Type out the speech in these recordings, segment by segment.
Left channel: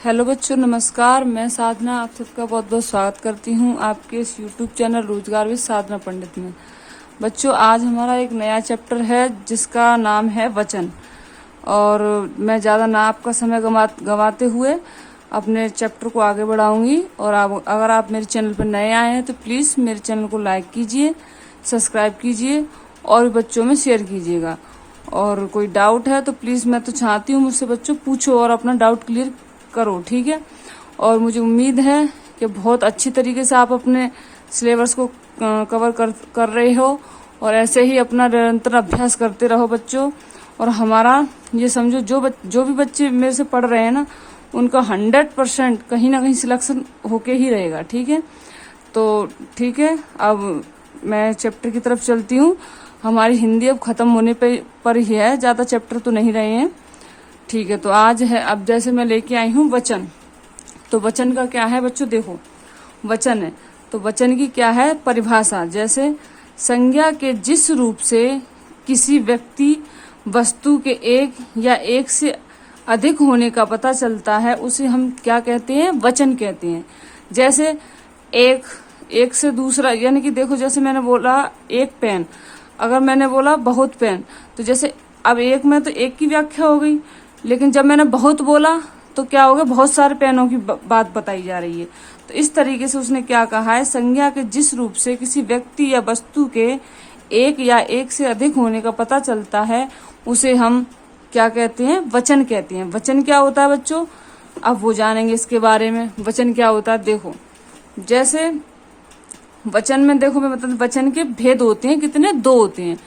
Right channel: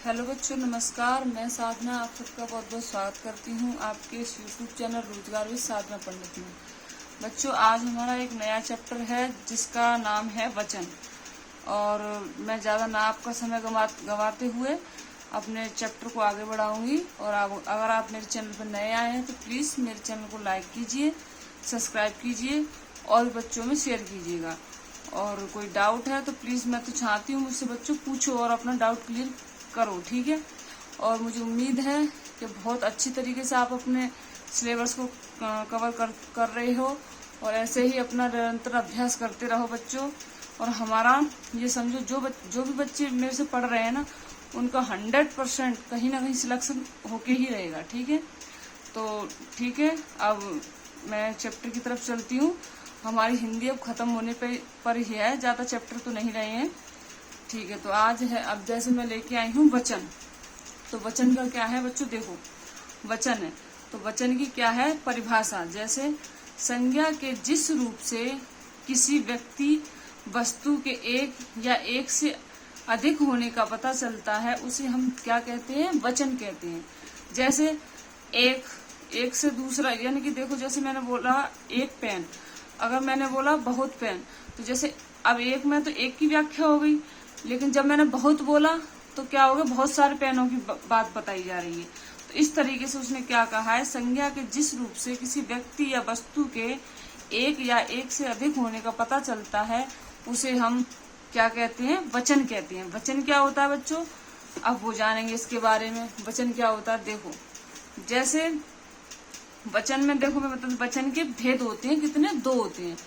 Hello बच्चों, नमस्कार। मैं साधना आप सबका बहुत बहुत स्वागत करती हूँ आपके इस यूट्यूब चैनल रोजगार विद साधना पंडित में। बच्चों, आज हमारा एक नया चैप्टर है जिसका नाम है वचन। और मैं ज़्यादा ना आपका समय गंवाते हुए अपने चैप्टर को आगे बढ़ाऊंगी। और अगर आप मेरे चैनल पर नए आए हैं तो प्लीज़ मेरे चैनल को लाइक कीजिए, सब्सक्राइब कीजिए और बच्चों में शेयर कीजिएगा। और कोई डाउट है तो प्लीज़, मैं तो चाहती हूँ मुझसे बच्चों पूछो और अपना डाउट क्लियर करो, ठीक है। और मुझे उम्मीद है कि बहुत अच्छी तरीके से आप अपने सिलेबस को कवर कर रहे हो और ऐसे ही अपना निरंतर अभ्यास करते रहो बच्चों। और हमारा ये समझो, जो भी बच्चे मेरे से पढ़ रहे हैं ना, उनका 100% कहीं ना कहीं सिलेक्शन होके ही रहेगा, ठीक है। तो ठीक है, अब मैं चैप्टर की तरफ चलती हूँ। हमारी हिंदी अब खत्म होने पर ही है, ज़्यादा चैप्टर तो नहीं रहे हैं, ठीक है। तो आज है, अब जैसे मैं लेके आई हूँ वचन। तो वचन का क्या है बच्चों, देखो वचन है तो वचन की क्या है परिभाषा। जैसे संज्ञा के जिस रूप से किसी व्यक्ति वस्तु के एक या एक से अधिक होने का पता चलता है उसे हम क्या कहते हैं, वचन कहते हैं। जैसे एक से दूसरा, यानी कि देखो, जैसे मैंने बोला एक पेन, अगर मैंने बोला बहुत पेन, तो जैसे अब एक में तो एक की व्याख्या हो गई, लेकिन जब मैंने बहुत बोला तो क्या हो गया, बहुत सारे पेनों की बात बताई जा रही है। तो इस तरीके से उसने क्या कहा है, संज्ञा के जिस रूप से किसी व्यक्ति या वस्तु के एक या एक से अधिक होने का पता चलता है उसे हम क्या कहते हैं, वचन कहते हैं। वचन क्या होता है बच्चों, अब वो जानेंगे इसके बारे में। वचन क्या होता है, देखो जैसे वचन में, देखो मैं मतलब वचन के भेद होते हैं कितने, 2 होते हैं।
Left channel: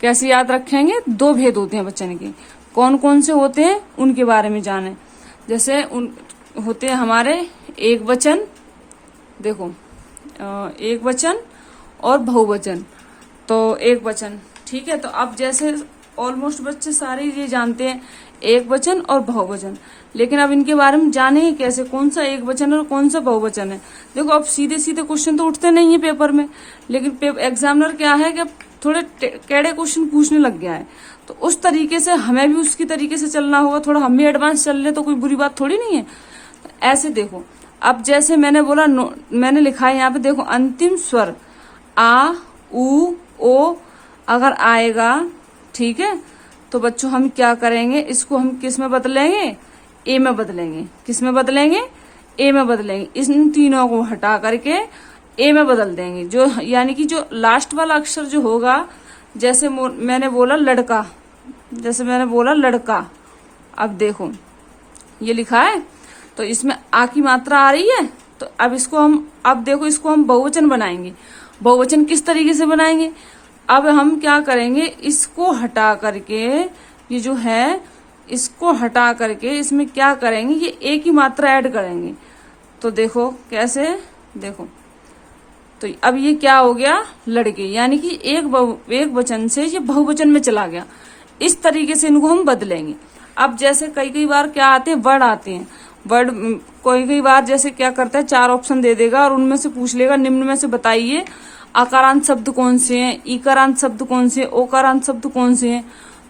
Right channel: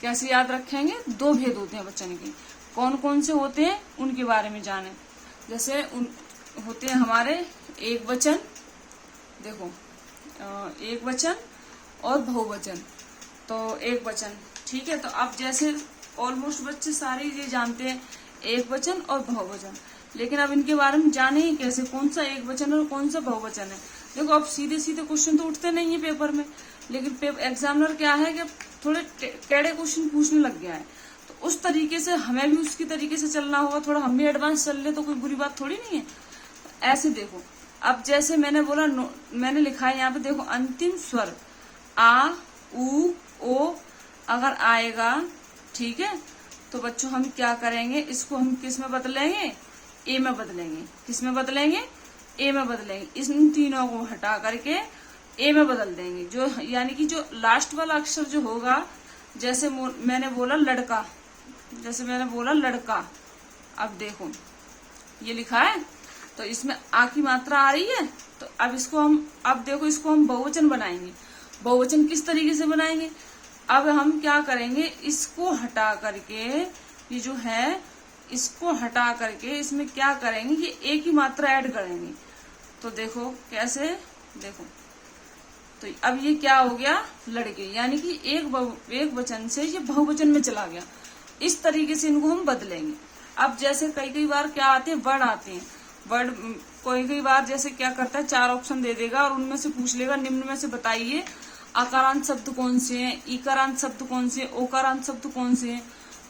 कैसे याद रखेंगे, 2 भेद होते हैं वचन के। कौन कौन से होते हैं उनके बारे में जाने। जैसे होते हैं हमारे एक वचन, देखो एक वचन और बहुवचन। तो एक वचन, ठीक है। तो अब जैसे ऑलमोस्ट बच्चे सारे ये जानते हैं एक वचन और बहुवचन, लेकिन अब इनके बारे में जानेंगे कैसे, कौन सा एक वचन और कौन सा बहुवचन है। देखो अब सीधे सीधे क्वेश्चन तो उठते नहीं है पेपर में, लेकिन एग्जामिनर क्या है कि थोड़े टेढ़े क्वेश्चन पूछने लग गया है। तो उस तरीके से हमें भी उसकी तरीके से चलना होगा, थोड़ा हम भी एडवांस चल ले तो कोई बुरी बात थोड़ी नहीं है। तो ऐसे देखो, अब जैसे मैंने बोला, मैंने लिखा है यहाँ पे, देखो अंतिम स्वर आ, उ, ओ अगर आएगा, ठीक है, तो बच्चों हम क्या करेंगे, इसको हम किस में बदलेंगे, ए में बदलेंगे। किस में बदलेंगे, ए में बदलेंगे। इन तीनों को हटा करके ए में बदल देंगे। जो यानी कि जो लास्ट वाला अक्षर जो होगा, जैसे मैंने बोला लड़का, जैसे मैंने बोला लड़का, अब देखो ये लिखा है तो इसमें आ की मात्रा आ रही है। तो अब इसको हम, अब देखो इसको हम बहुवचन बनाएंगे। बहुवचन किस तरीके से बनाएंगे, अब हम क्या करेंगे, इसको हटा करके, ये जो है इसको हटा करके इसमें क्या करेंगे, ये ए की मात्रा ऐड करेंगे। तो देखो कैसे, देखो तो अब ये क्या हो गया, लड़के, यानी कि एक वचन से ये बहुवचन में चला गया। इस तरीके से इनको हम बदलेंगे। अब जैसे कई बार क्या आते हैं, वर्ड आते हैं। वर्ड कई बार जैसे क्या करता है, 4 ऑप्शन दे देगा और उनमें से पूछ लेगा निम्न में से बताइए आकारांत शब्द कौन से हैं, ईकारांत शब्द कौन से, ओकारांत शब्द कौन से हैं।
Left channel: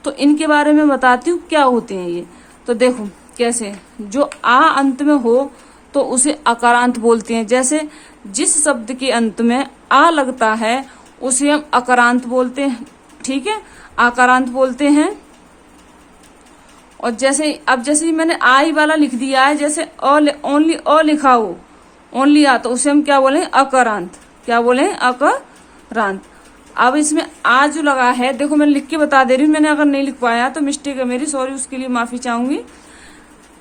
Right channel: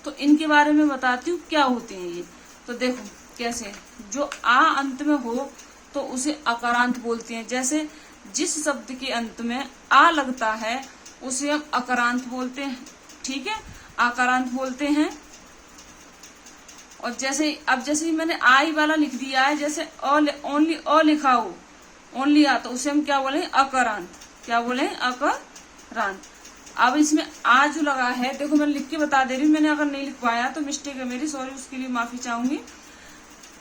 तो इनके बारे में बताती हूँ क्या होते हैं ये। तो देखो कैसे, जो आ अंत में हो तो उसे अकारांत बोलते हैं। जैसे जिस शब्द के अंत में आ लगता है उसे हम अकारांत बोलते हैं, ठीक है, आकारांत बोलते हैं। और जैसे अब जैसे मैंने आई वाला लिख दिया है, जैसे ओनली अ लिखा हो, ओनली आ, तो उसे हम क्या बोलेंगे, अकारांत। क्या बोले, अकारांत। अब इसमें आ जो लगा है, देखो मैं लिख के बता दे रही हूँ, मैंने अगर नहीं लिख पाया तो मिस्टेक है मेरी, सॉरी, उसके लिए माफी चाहूंगी।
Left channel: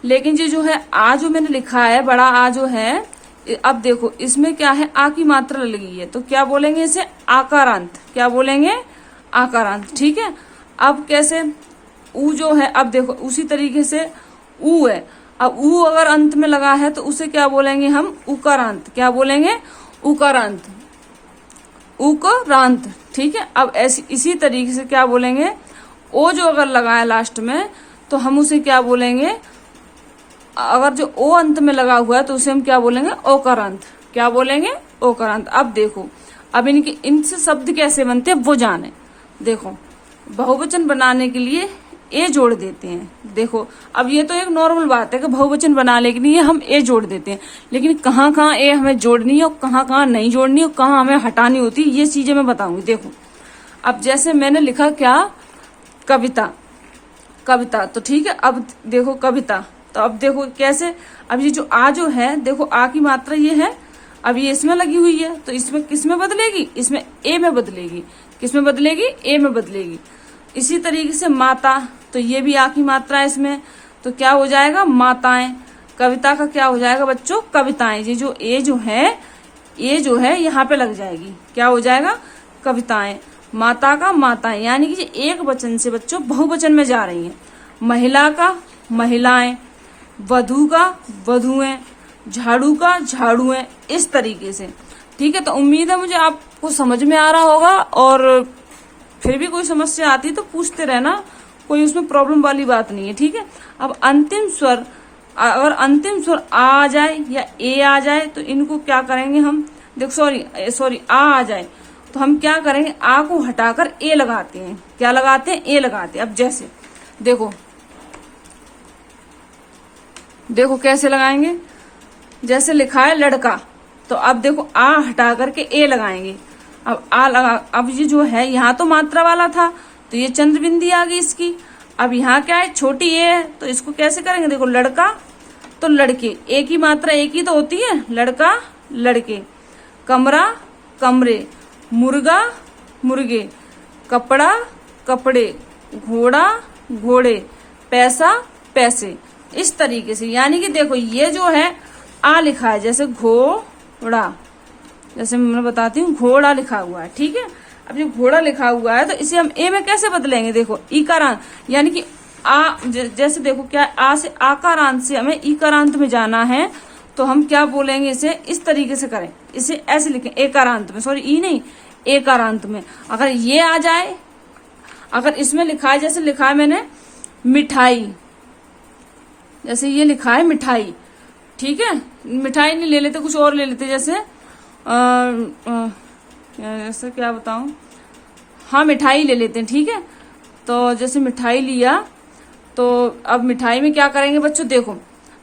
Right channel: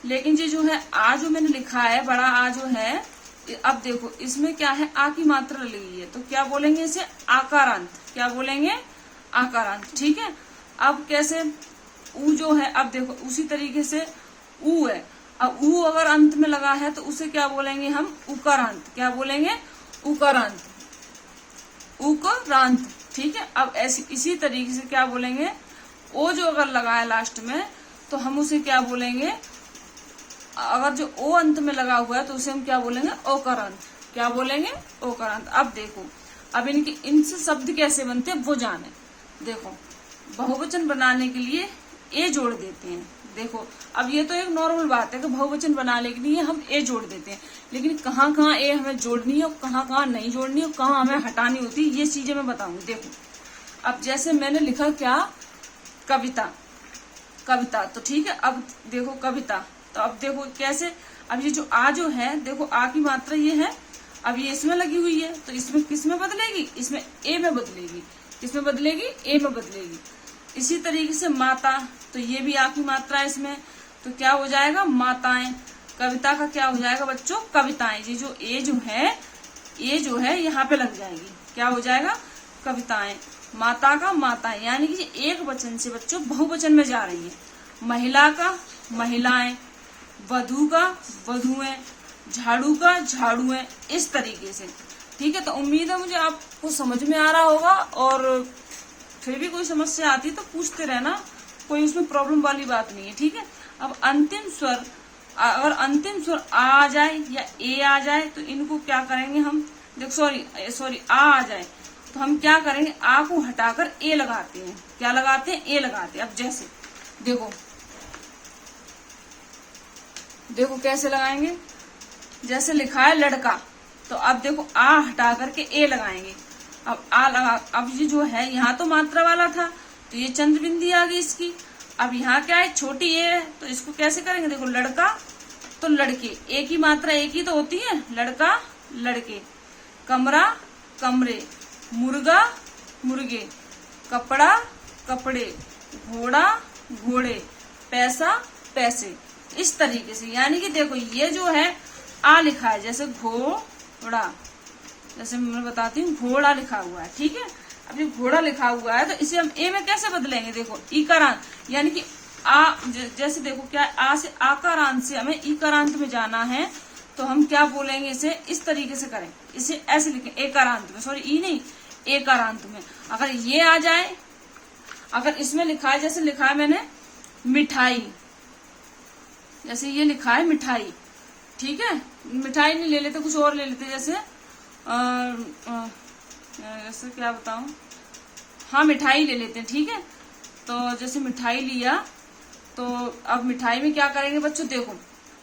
लेकिन ये जो है आ जो मैंने लिखा है, बड़ा आ जो है, अब देखो इसमें क्या है, आ की मात्रा लगी है, तो क्या बोलेंगे इसे, आकारांत। क्या बोलेंगे, आकारांत, ठीक है। अब कैसे, ऊ जो है, अब देखो उसी तरीके से ऊ है, अब ऊ अगर अंत में लगा है तो उसे क्या बोलेंगे हम, उकारांत। क्या बोलेंगे, उकारांत, उकारांत, ठीक है। अब ऐसी इसी तरीके से क्या बोलेंगे, ओ जो अगर लगा है लास्ट में तो हम उसे क्या बोलेंगे, अगर जो ओ अंत में लगा हुआ है तो उसे हम क्या बोलेंगे, ओकारांत। क्या बोलेंगे, ओकारांत। अब देखो, अब इनसे शब्द कैसे बनते हैं वो जाने। देखो बहुवचन बनाने के लिए ए जोड़ देते हैं। देखो अब ये तो एक नॉर्मल बात है कि बहुवचन बनाने के लिए हम ए जोड़ देते हैं, लेकिन कहाँ कहाँ ए हमें जोड़नी है और कहाँ कहाँ नहीं जोड़नी और कहाँ हमें हटानी होती है, ये चीजें मैं बताऊंगी। देखो अब जैसे मैंने लिखा क्या, कविता, कविता, तो ठीक है। अब देखो कविता, तो अब देखो कैसे, अब ये जो आ जो है, देखो आ की मात्रा ये है, अब ये इसमें लगी हुई है, तो इसमें किस में बदलेगी, इसमें ए में बदलेगी। किस में बदलेगी, ए में बदलेगी। इसी तरीके से माता, तो ये भी आ की मात्रा है इसमें, तो क्या हो जाएगा, माताएं। कविता का क्या हो जाएगा बच्चों, कविताएं। ये जो ए जो है यहाँ पे लग जाएगी, क्या हो जाएगा, कविताएं। माता का माताएं, यानी कि एक वचन से बच्चों बहुवचन में जा रही है। महिला का महिलाएं, वधु का वधुएं, झाड़ू का झाड़ुएं, इस तरीके से। ठीक है, तो उम्मीद है मुझे आपको समझ में आ रहा होगा, और फिर भी कोई समस्या आती तो पूछते रहना, कोई उसमें प्रॉब्लम वाली बात नहीं है। ठीक है, अब अंतिम स्वर, अगर अंतिम स्वर आ जाए या ए आ जाए तो इनको क्या करेंगे हम, देखो सॉरी आ जाए तो हम क्या करेंगे, आ को हटाकर ए लगाते हैं। क्या लगाते हैं, ए लगाते हैं। अब जैसे देखो कैसे लगाएंगे, जैसे लिखा है लड़का, तो अब देखो आ हटा करके ए लगाएंगे। अब आ लगा, अब ये जो है यहाँ तो मात्रा वाला था, तो ये चंद्र बिंदी आ गई इसकी। अब यहाँ क्या है, छोटी ए है, तो इसको कैसे करेंगे, देखो लड़का तो लड़के, ए की मात्रा एक ही तो होती है, लड़का लड़के। कमरा कमरे, मुर्गा मुर्गे, कपड़ा कपड़े, घोड़ा घोड़े, पैसा पैसे, इस तरीके से। यानी कि देखो ये जो है आ लिखा है, जैसे घोड़ा, जैसे मैं बताती हूँ, घोड़ा लिखा हुआ है। ठीक है, अब ये घोड़ा लिखा हुआ है तो इसे हम ए में कैसे बदलेंगे, देखो ईकारांत, यानी कि आ जैसे देखो क्या, आ से आकारांत से हमें ईकारांत में जाना है, तो हम क्या बोलेंगे, इसे इस तरीके से करें, इसे ऐसे लिखें, एकारांत में, सॉरी ई नहीं, एकारांत में। अगर ये आ जाए, अगर इसमें लिखा है, जैसे लिखा है मैंने मिठाई, जैसे ये लिखा है मिठाई, ठीक है, मिठाई नहीं ले लेते, कुछ और ले लेते, जैसे ऐसे क्या बताऊं, हाँ मिठाई ले लेते हैं। ठीक है, तो जैसे मिठाई लिया, तो अब मिठाई में क्या करेंगे बच्चों, देखो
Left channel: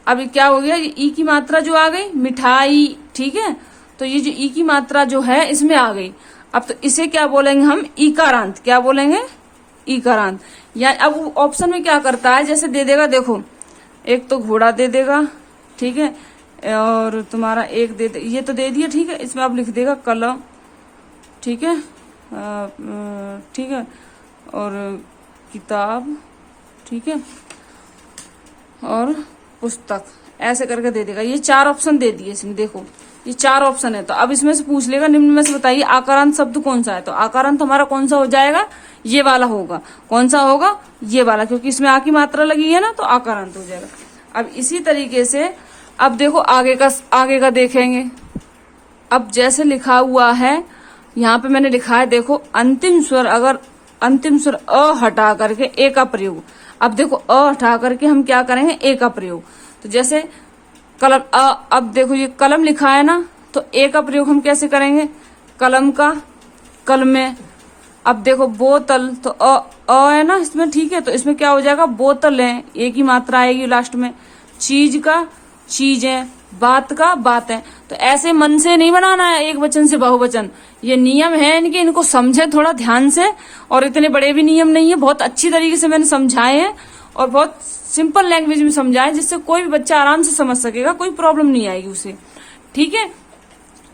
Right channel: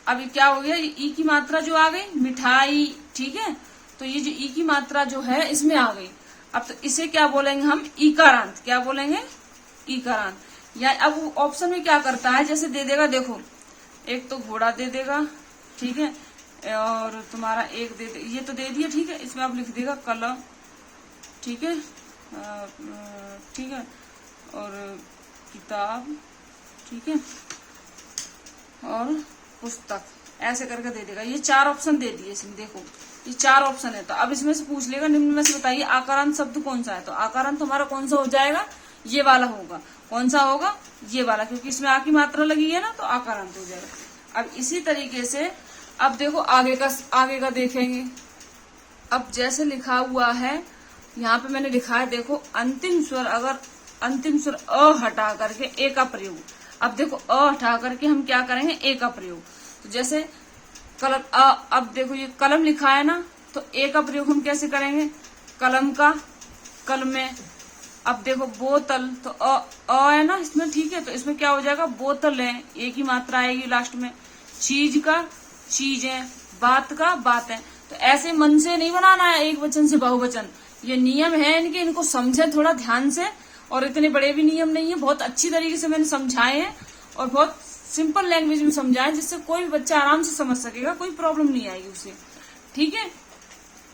अब क्या हो गया, ये ई की मात्रा जो आ गई, मिठाई। ठीक है, तो ये जो ई की मात्रा जो है इसमें आ गई। अब तो इसे क्या बोलेंगे हम, ईकारांत। क्या बोलेंगे, ईकारांत। या अब ऑप्शन में क्या करता है, जैसे दे देगा, देखो एक तो घोड़ा दे देगा, ठीक है, और तुम्हारा एक ये तो दे दिया। ठीक है, इसमें अब लिख देगा कलम, ठीक है, ठीक है, और किताब, ठीक है, और पुस्तक, ऐसे करके दे देगा। ये 4 ऑप्शन दे दिए इसमें, देखो ये 4 ऑप्शन है। तो अब इसमें से पूछ लेगा, निम्न में से बताइए आकारांत शब्द कौन सा है, तो आकारांत हमारा कौन सा हो जाएगा, ये वाला होगा। कौन सा होगा, ये वाला, क्योंकि इसमें आ की मात्रा लगी है ना, तो आकारांत हो जाएगा। अब इसी तरीके से अब देखो आगे का देखेंगे। अब जैसे लिखा हुआ है, यहाँ पे मैंने लिखा है, देखो अंतिम स्वर, अगर अंतिम स्वर अ हटा करके ए का प्रयोग। अब देखो अ हटा करके हम क्या करेंगे, ए का प्रयोग। तो जैसे कलम, अब देखो ये कलम लिखा है ना, तो ए का प्रयोग हम कैसे करेंगे, कलम का कलमे। अब देखो बोतल, तो अ है ना इसमें, ठीक है, तो इसमें क्या हो जाएगा, बोतल है, ए की मात्रा आएगी लास्ट में। चीज का चीजें, बात का बातें। तो ऐसे मन से नहीं बनाना है एक वचन से बहुवचन, ये नियम है इनके, इनको समझे थोड़ा ध्यान से। और इतने बड़े भी नियम नहीं है, बहुत अच्छी तरीके से मैंने समझाए हैं और बहुत सिंपल लैंग्वेज में समझाए, जिससे कोई भी बच्चा आराम से समझ सकेगा, कोई प्रॉब्लम नहीं आएगी उसे। ठीक है,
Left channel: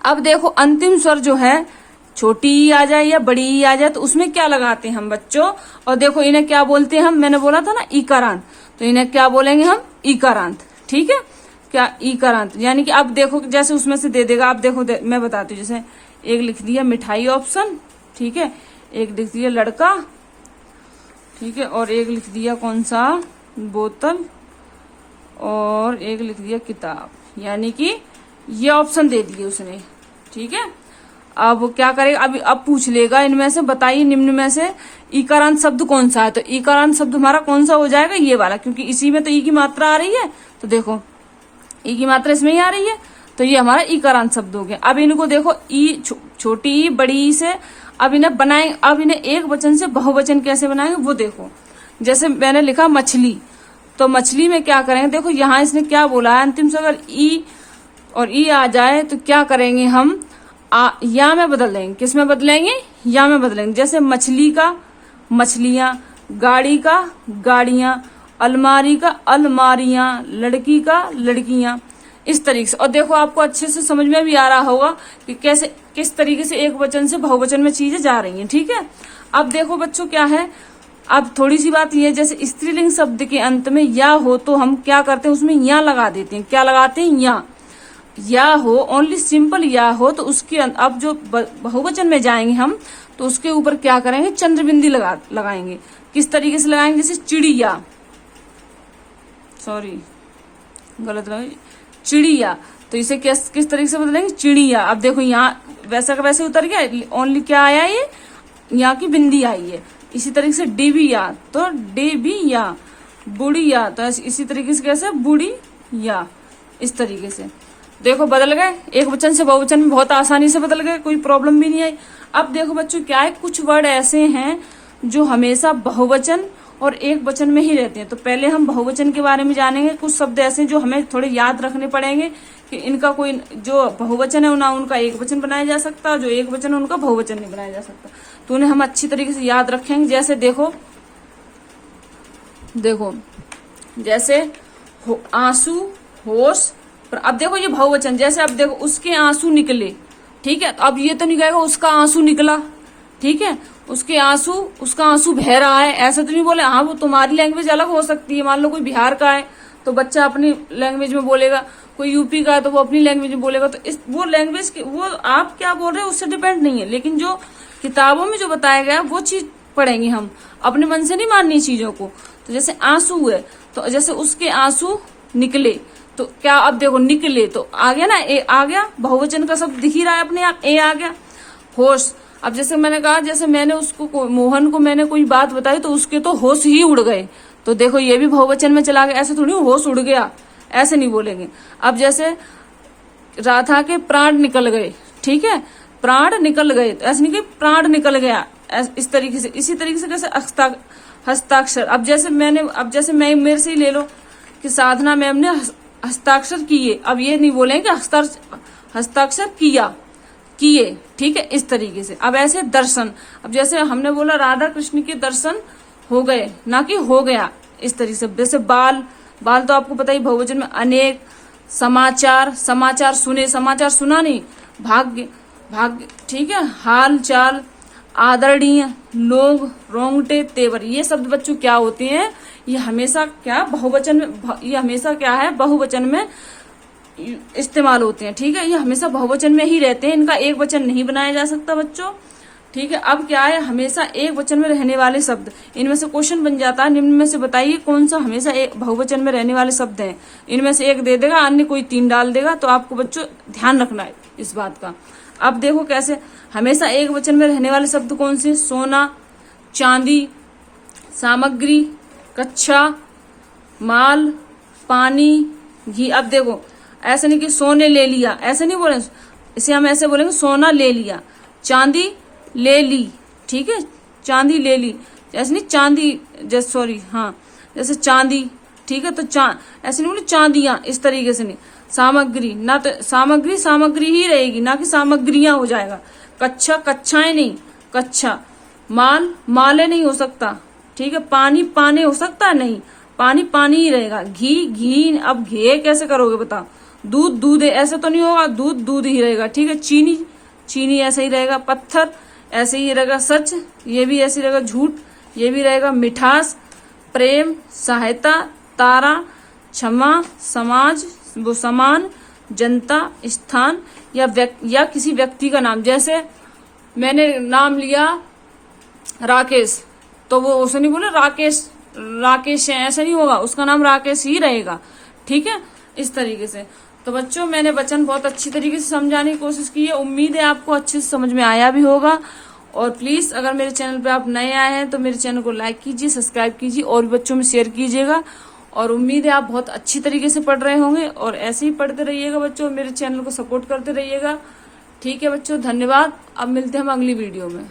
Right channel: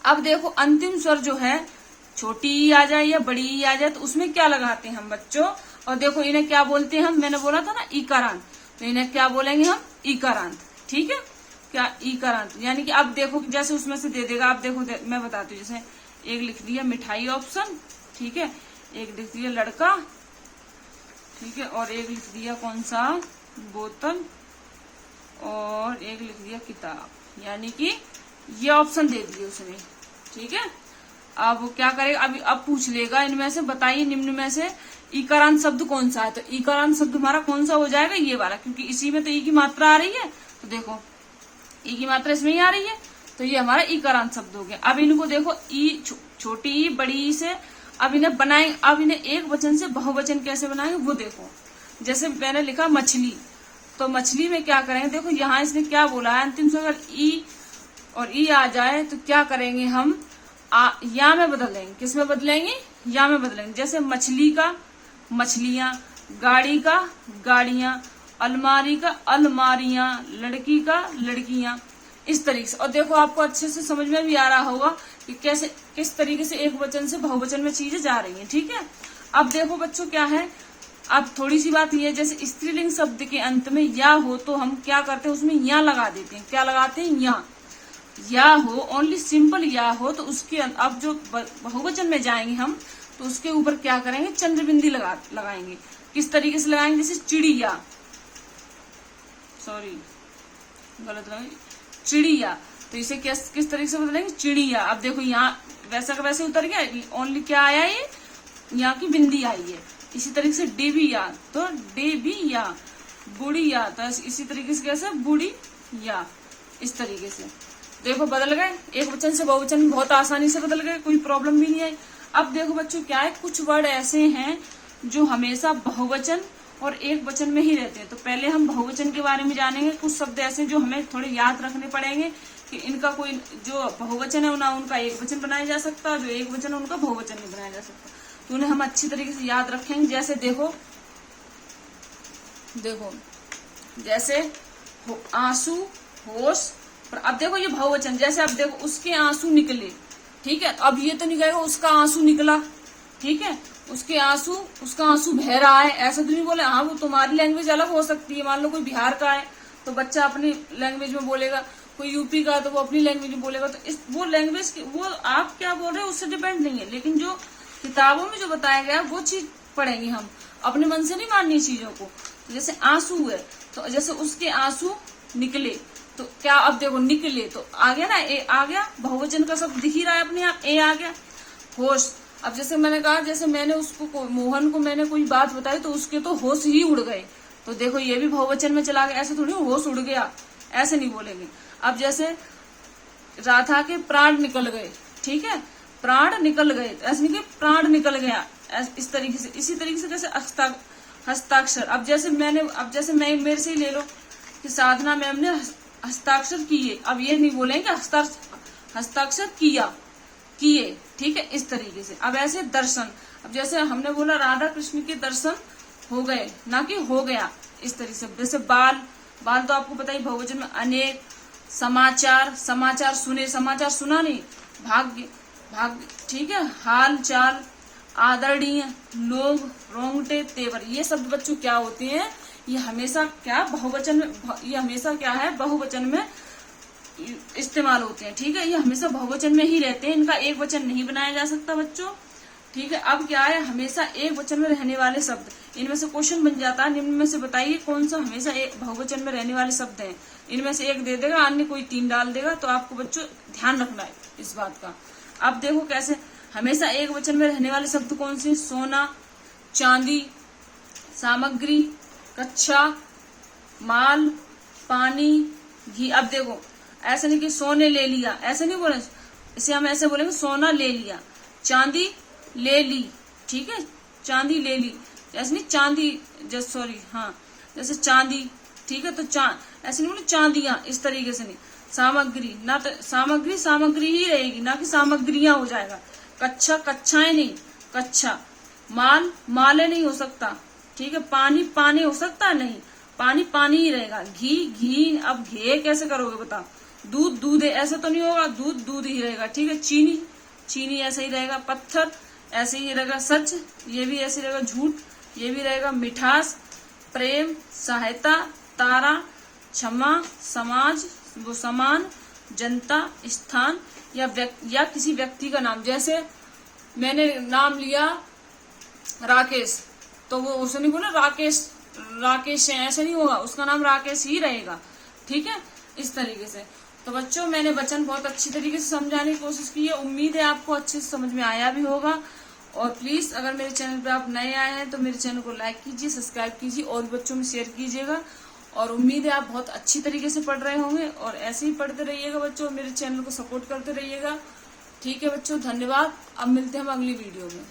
अब देखो अंतिम स्वर जो है, छोटी ई आ जाए या बड़ी ई आ जाए, तो उसमें क्या लगाते हैं हम बच्चों, और देखो इन्हें क्या बोलते हैं हम, मैंने बोला था ना ईकारांत, तो इन्हें क्या बोलेंगे हम, ईकारांत। ठीक है, क्या ईकारांत, यानी कि अब देखो जैसे उसमें से दे देगा। अब देखो मैं बताती हूँ, जैसे एक लिख दिया मिठाई ऑप्शन, ठीक है, एक लिख दिया लड़का, ठीक है, और एक लिख दिया कौन सा, बोतल, और एक लिख दिया किताब, यानी कि ये ऑप्शन दे दिए उसने। ठीक है, अब क्या करेगा, अब पूछ लेगा इनमें से बताइए निम्न में से ईकारांत शब्द कौन सा है, तो ईकारांत शब्द हमारा कौन सा हो जाएगा, ये वाला, क्योंकि इसी में तो ई की मात्रा आ रही है। तो देखो ई की मात्रा इसमें ही आ रही है, तो ये हमारा ईकारांत शब्द हो गया। अब इनको देखो ई छोटी ई बड़ी ई से अब इन्हें बनाए, अब इन्हें एक वचन से बहुवचन कैसे बनाएंगे वो देखो। जैसे मैंने लिखा मछली, तो मछली में क्या करेंगे, देखो यहाँ इसने क्या बोला है, अंतिम से अगर ई और ई आ जाए तो क्या करेंगे हम, या में बदल देंगे। किस में बदलेंगे, या में बदलेंगे। जैसे मछली का मछलियां, गाड़ी का गाड़ियां, अलमारी का अलमारियां, लड़की का लड़कियां, इस तरीके से। और देखो आपको अच्छे से समझ में भी आ रहा होगा कि कैसे किस तरीके से एक वचन से बहुवचन में चीजें जा रही हैं। ठीक है, अब देखो बच्चों क्या है, अब थोड़ी सी बात ये, जैसे स्त्रीलिंग शब्द के अंत में या हो तो हम क्या करते हैं, उसमें या लगा देते हैं। क्या लगाते हैं, या हो, ओनली सिंपल या हो तो उसके अब जो बहुवचन में जाएंगे हम तो उसके ऊपर क्या करेंगे, चंद्रबिंदी लगाएंगे। किस तरीके से लगाएंगे, जैसे चिड़िया, सॉरी गलत लगा, चिड़िया, तो इसे किस तरीके से बदलेंगे, चिड़िया। अब देखो यहाँ वैसा का वैसे उतर गया, ओनली क्या आया, ये यहाँ की बिंदी आई है। इसी तरीके से डिबिया तो डेबिया, बुढ़िया तो इसी तरीके से कैसे, बुढ़िया, इस तरीके से। देखो बदल गए, एक वचन से बहुवचन में बहुत आसानी से बदल गए, कोई प्रॉब्लम भी नहीं आई। अब देखो बच्चों क्या है, कुछ वर्ड ऐसे हैं जो हमेशा बहुवचन और एक वचन में ही रहते हैं। तो पहले हम बहुवचन के बारे में जानेंगे। कुछ शब्द ऐसे जो हमें थोड़े याद रखने पड़ेंगे कि इनका कोई जो बहुवचन है ना उनका एक वचन बनाया जा सकता है, जो एक वचन है उनका बहुवचन नहीं बनाया जा सकता। तो उन्हें हम अच्छी तरीके से याद रखेंगे। जैसे देखो जैसे आंसू, होश। अब देखो ये बहुवचन, जैसे अब देखो उसके आंसू निकले, ठीक है, अब ये तो नहीं कहेगा उसका आंसू निकला, ठीक है, उसका आंसू बह रहा है, ऐसा तो नहीं बोले। हाँ वो तुम्हारी लैंग्वेज अलग हो सकती है, मान लो कोई बिहार का है तो बच्चा अपनी लैंग्वेज में बोलेगा, कोई यूपी का है तो वो अपनी लैंग्वेज में बोलेगा। तो वो लैंग्वेज वो आप क्या बोल रहे हैं उससे डिपेंड नहीं है, लेकिन जो किताबों में जो बताया गया वो चीज पढ़ेंगे हम, अपने मन से नहीं माननी चीजों को। तो जैसे आंसू है तो जैसे उसके आंसू निकले, तो क्या, अब देखो निकले तो आ गया ना, ए आ गया, बहुवचन का शब्द दिख ही रहा है अपने आप, ए आ गया। होश, अब जैसे मैंने कहा, जैसे मैंने उसको मोहन को मैंने कोई बात बताई तो उसके तो होश ही उड़ गए, तो देखो ये भी बहुवचन में चला गया। ऐसे थोड़ी होश उड़ गया, ऐसे नहीं बोलेंगे। अब जैसे राधा के प्राण निकल गए, ठीक है, प्राण निकल गए, तो ऐसे नहीं कि प्राण निकल गया, इस तरीके से। इसी तरीके से जैसे हस्ताक्षर, अब जैसे मैं मेरे से ही ले लो कि साधना मैम ने हस्ताक्षर किए, अब ये नहीं बोलेंगे हस्ताक्षर किए, ठीक है, इस तरीके से। अब ऐसे दर्शन, अब जैसे हमने बोला राधा कृष्ण के दर्शन हो गए, ना कि हो गया, इस तरीके से। जैसे बाल तो आपको पता ही बहुवचन में अनेक। समाचार सुने, समाचार सुना नहीं, भाग्य, ठीक है, हाल चाल, आदरणीय, लोग, रोंगटे, तेवर, ये शब्द बच्चों क्या होते हैं, ये हमेशा क्या बहुवचन में, ये हमेशा क्या है बहुवचन में इस्तेमाल होते हैं, ठीक है, ये हमेशा बहुवचन में ही रहते हैं, इनका एक वचन नहीं बनाया जा सकता बच्चों, ठीक है। अब क्या है, हमेशा एक वचन में रहने वाले शब्द, इनमें से क्वेश्चन बन जाता है, निम्न में से बताइए कौन सा हमेशा एक बहुवचन में रहने वाले शब्द हैं। इनमें से एक दे देगा, अन्य कोई 3 डाल देगा, तो आपको बच्चों ध्यान रखना है इस बात का। अब देखो कैसे हमेशा एक वचन में रहने वाले शब्द कौन से, सोना, चांदी, सामग्री, कच्चा माल, पानी, घी। अब देखो ऐसा नहीं कि सोने ले लिया, ऐसे नहीं बोले, इसे हम ऐसे बोलेंगे सोना ले लिया, चांदी ले ली, ठीक है, चांदी ले ली, ऐसे नहीं चांदी, जैसे सॉरी हाँ जैसे चांदी, ठीक है, तो ऐसे नहीं बोले चांदियां, इस तरीके से नहीं। सामग्री, ना तो सामग्री ही रहेगी, ना कि सामग्रियां हो जाएगा। कच्चा, कच्चाएं नहीं, कच्चा। माले नहीं हो सकता, ठीक है, पानी हो सकता है, नहीं, पानी ही रहेगा। घी, अब घे कैसे करोगे बताओ, दूध ऐसे तो नहीं होगा, दूध ही रहेगा, ठीक है। चीनी ऐसे ही रहेगा। पत्थर ऐसे ही रहेगा। सच, ये भी ऐसे ही रहेगा। झूठ, ये भी रहेगा। मिठास, प्रेम, सहायता, तारा, क्षमा, समाज, वो समान, जनता, स्थान, या किसी व्यक्ति का नाम। जैसे मैंने नाम लिया राकेश, तो वो उसे नहीं बोले राकेश है, ऐसा नहीं होगा, उसका नाम राकेश ही रहेगा, ठीक है, इस तरीके से। तो बच्चों मैंने वचन बहुत अच्छी तरीके से समझाने की कोशिश की है, उम्मीद है आपको अच्छे से समझ में आया भी होगा। और प्लीज अगर मेरे चैनल पे आप नए आए हैं तो मेरे चैनल को लाइक कीजिए, सब्सक्राइब कीजिए और भी बच्चों में शेयर कीजिएगा। और उम्मीद है आप बहुत अच्छी तरीके से पढ़ रहे होंगे, और ऐसे ही पढ़ते रहिएगा बच्चों, मेरे चैनल को सपोर्ट करते रहिएगा, ठीक है बच्चों, धन्यवाद। अब मिलते हैं हम अगली वीडियो में।